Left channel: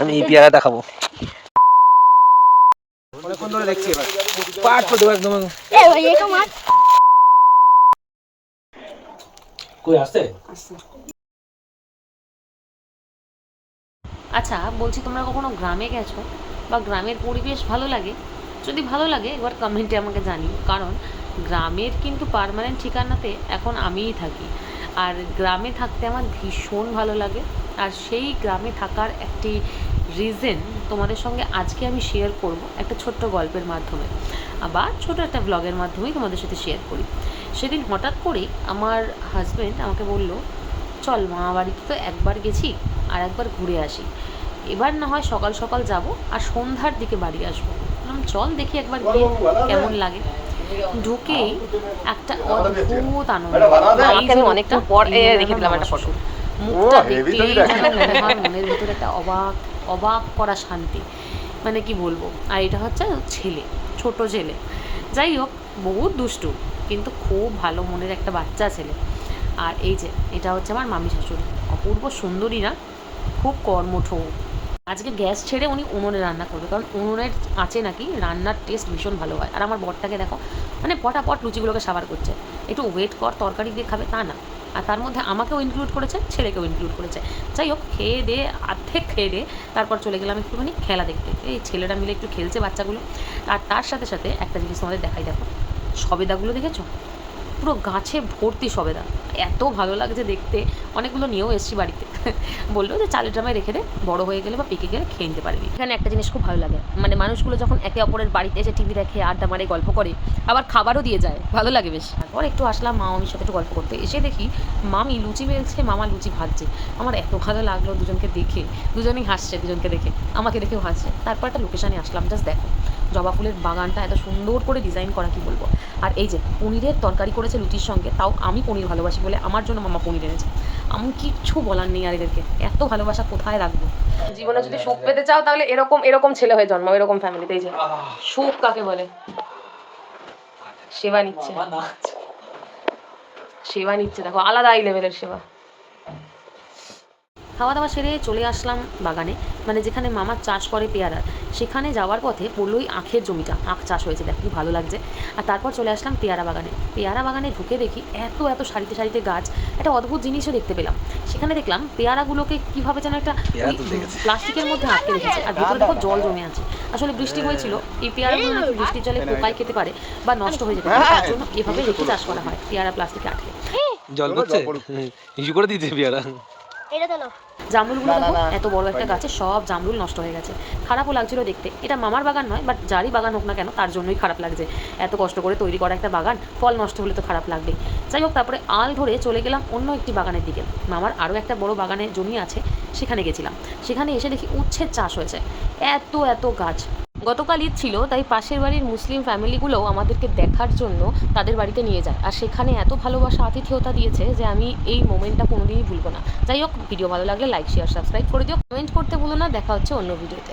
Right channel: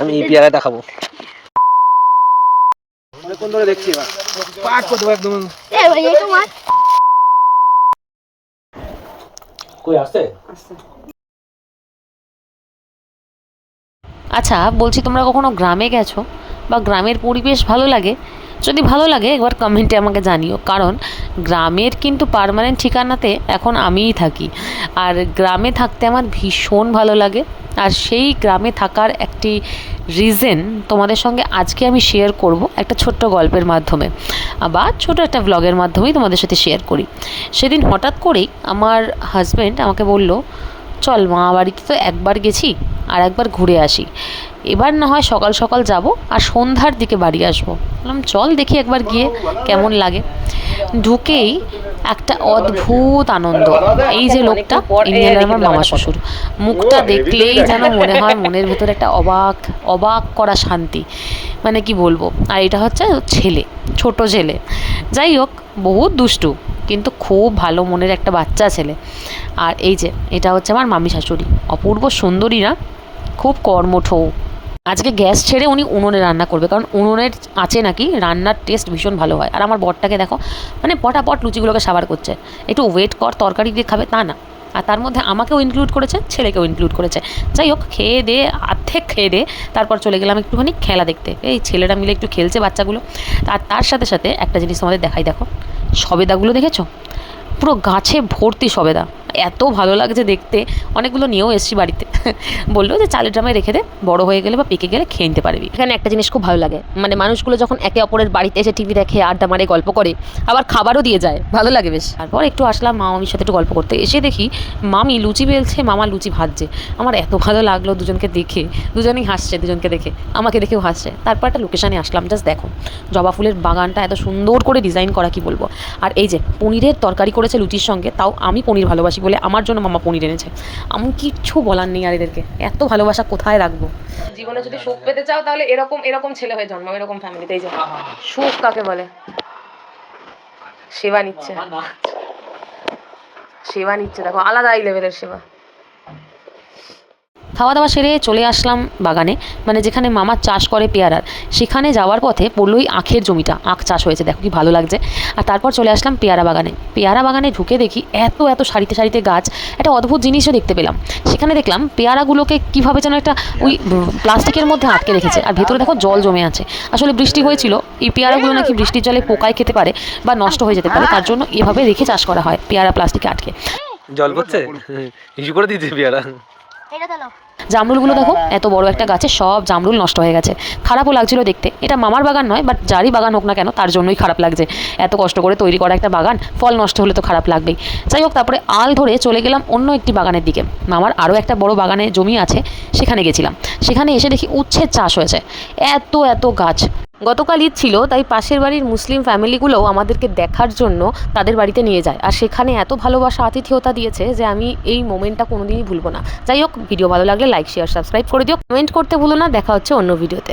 আমি এই পেয়ারাটা খাবো। অনেকক্ষণ ধরে দেখছি, এবার পাট করে দেবো একদম। আচ্ছা বলছি, তোমরা কখনো গ্রামে গেছো বা গ্রামের পরিবেশ ভালো লাগে? যদি ভালো লাগে একবার কমেন্টে আমাকে জানিও, কারণ গ্রামের কিন্তু পার্মানেন্ট ঠিকানাতে এখন আমিই থাকি। আর গ্রামে থাকতে আমার ভীষণ ভালো লাগে। আর সেই গ্রামে থাকার একটি রিজন তোমাদের সঙ্গে আজকে আমি শেয়ার করব একটা ছোট্ট গল্পের মাধ্যমে, বা ছোট একটা ব্লগের মাধ্যমেই তোমাদের সাথে শেয়ার করি। সেদিন হঠাৎ করেই আমার হাজব্যান্ড আমাকে বলল, চল মা বাড়িতে তো একবার গেছি, আর একবার ঘুরে আসি, এবার না হয় সকাল সকাল যাব আর সন্ধ্যার দিকে বাড়ি আসবো। বললাম চল দেখি একবার গিয়ে কেমন লাগে। ঢুকেই একটা অদ্ভুত আনন্দ। এই যে লোকটা, আমার মামা শ্বশুর, মুখটা দেখলেই যেন মনে হয় মনের ভেতরে একটা অবাক অবাক করা শান্তি, মানে কি বলবো। আর এটা হচ্ছে ছেলে, ছোট ছেলে, যাই হোক বহুত দুষ্টু, কিন্তু খুব ভালো মনের একটা বাচ্চা ছেলে। আর এই যে এটা হচ্ছে আমার মামি শাশুড়ি, অপূর্ব সুন্দরী না, খুব কর্মঠ। আজকে গ্যাস ছেড়ে উনি উনুনে রান্না করবে, কারণ উনুনের আছে নাকি রান্নার টেস্ট ভীষণ ভালো হয়। আর আমার বরটাকে দেখো, মানে পটাপট লুচিগুলোকে সাবার করছে, একটু ওয়েট কর তরকারি দিয়ে খাবে তা না। আর তার মধ্যে আমাকেও ইনক্লুড করেছে, ছেলেকেও ইনক্লুড করেছে। যাই হোক, খেয়ে দিয়ে অর্ধেক খেয়ে দিয়ে তারপর চলে গেলাম একটুখানি খেলা দেখতে। এই ছেলেরা মিলে একটু খেলছে বাচ্চাগুলো। আর তার সাথে সাথে একটা জিনিস তোমাদের দেখাই, দেখো সবেদাগুলো দেখেছো? পুরো গাছে ভর্তি সবেদা, এত ভালো লাগছে দেখতে। অনেকগুলো নিয়েও এসেছি বাড়িতে। বললো যে চালের ড্রামে রেখে দে, বড় হয়ে গেলে বা পেকে গেলে খেয়ে নিতে পারবি। এখানে একটা জিনিস খুব ভালো লাগে, মানে মানুষগুলো যখন একে অপরের বাড়িতে এসে টিভি দেখে, আড্ডা মারে, গল্প করে, আবার খাবারও দিয়ে যায়, ভালো লাগে বেশ। তারপর একটু আসলাম মামির সাথে একটু গল্প করতে। এসে দেখি মামি লুচি বেলছে, মামা লুচি ভাজছে। আমার এত ভালো লাগলো দুজনকে দেখে, দুজনেই হাসছে, দুজনকে দেখে আমাকে দেখেও হাসছে। তারপর একটা লোকেশানে আসলাম, জাস্ট দেখো জবা ফুলের বাগানটা এত সুন্দর করে ডিজাইন করা, কি বলবো। আর এই যে পনিরের তরকারি করেছে লুচির সঙ্গে, তাও আমি পনির ভালোবাসি বলে আমার জন্য মামা পনির এনেছে। আমি কিচ্ছু বলার নেই আর এদেরকে, এত ভালোবাসা কোথায় রাখবো। জীবনে যদি সুখ পেতে চাও তাহলে এরকম এরকম ছেলে হয়ে জন্মাও, এরকম ফ্যামিলিতে। এই যে সুখ কাকে বলে, সেবা নিচ্ছে, সেবা নিচ্ছে, দেখো আলাদাই লেভেলের সেবা। খাওয়া দাওয়া সেরে চলে আসলাম বাগানে, মানে যেখানে মামা চাষ করে পেয়ারার। সেখানে যাওয়ার পথে পড়লোই আখের জমিটা, আখ চাষ হয়েছে, দেখো কি ভালো লাগছে। আর তারপর চলে আসলাম পেয়ারা বাগানে। পেয়ারা বাগানে ঢুকে দেখি এত এত সারিতে সারিতে গাছ, একটা অদ্ভুত জিনিসও দেখতে পেলাম। সেখানে দেখলাম পেয়ারাগুলোকে কীভাবে যেন একটা ওই প্লাস্টিকের মধ্যে আটকে রেখেছে, আর ভেতরে দেখো জল জমে আছে। আসলে বৃষ্টি হয়েছিল, এই পেয়ারাগুলো নাকি বৃষ্টির জলে পোকায় খেতে পারে বা নষ্ট হয়ে যেতে পারে, তার জন্য এভাবে রেখে চাষ করা হয়, পেয়ারা প্লাস্টিকে আটকে। জল পড়ছে, ইস্যু করে দিতে পেয়ারা। জামরুলগুলো দেখো, এত বড় একটা গাছে সব জামরুল নষ্ট হয়ে গেছে। খারাপও লাগছিল দেখতে। এটা মামার বাগান নয়, বাট যারই বাগান হোক না কেন তার জন্যই খারাপ লাগছে। এত কষ্ট করে তৈরি করা একটা বাগান, ফল নষ্ট হলে তো খারাপ লাগবেই। যাই হোক, তারপরে আল ধরে চলে গেলাম অন্য একটি বাগানের দিকে। মামার আরও একটা বড় বাগানে জমি আছে, সেখানে গেছিলাম। সেখানে এসে দেখি উচ্ছের চাষ হয়েছে, এত এত গাছ। গতকাল ঈদ ছিল, তাই পাশের বাড়ির মুসলিম ফ্যামিলিগুলোও আমাদেরকে দেখার জন্য তাদের বাড়িতে নিয়ে যায়। আর সেখানে এত ভালোবাসা আতিথেয়তা দিয়েছে যে আমি এই মোমেন্টটা কোনোদিনই ভুলবো না। যাই হোক, ভিডিও ভালো লাগলে লাইক শেয়ার সাবস্ক্রাইব করে দিও, কমেন্ট করতে ভুলো না। দেখা হচ্ছে অন্য ভিডিওতে।